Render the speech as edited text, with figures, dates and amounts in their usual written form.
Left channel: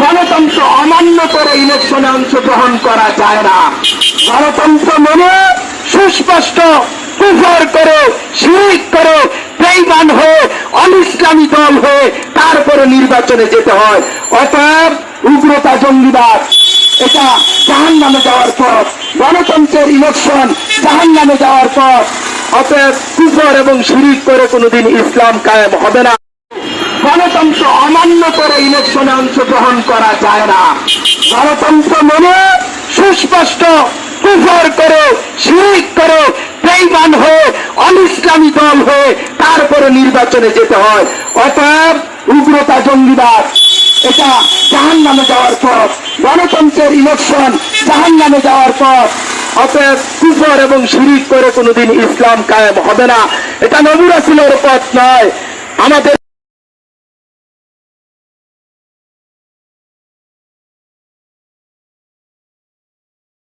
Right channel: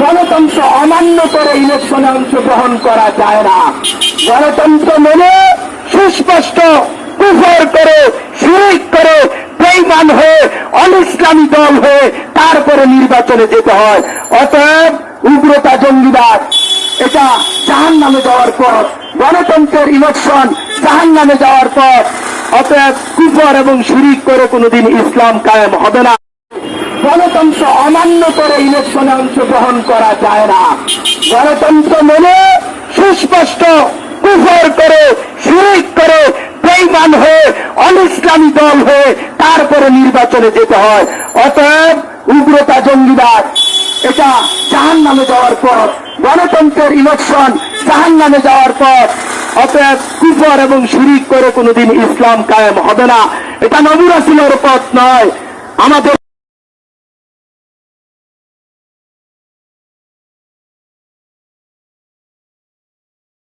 গণতন্ত্র অমান্য করে ইলেকশনে অংশগ্রহণ করা যায় না। গণতন্ত্র মানে সুস্পষ্ট কুফর করে, শিরক করে, বেঈমান হয়ে, অনিসলামী দল হয়ে তারপরে নির্বাচনে যেতে হয়। অতএব উগ্রতা, জঙ্গিবাদ এটা জাহান্নামে যাওয়ার পথ। গণতন্ত্রের ইলেকশন জাহান্নামে যাওয়ার পথ। অতএব কুফর এবং শিরক করে কোনোদিন ইসলাম কায়েম হবে না। গণতন্ত্র অমান্য করে ইলেকশনে অংশগ্রহণ করা যায় না। গণতন্ত্র মানে সুস্পষ্ট কুফর করে, শিরক করে, বেঈমান হয়ে, অনিসলামী দল হয়ে তারপরে নির্বাচনে যেতে হয়। অতএব উগ্রতা, জঙ্গিবাদ এটা জাহান্নামে যাওয়ার পথ। গণতন্ত্রের ইলেকশন জাহান্নামে যাওয়ার পথ। অতএব কুফর এবং শিরক করে কোনোদিন ইসলাম কায়েম হবে না। এটা নবী রাসূলের পথ নয়। আমাদের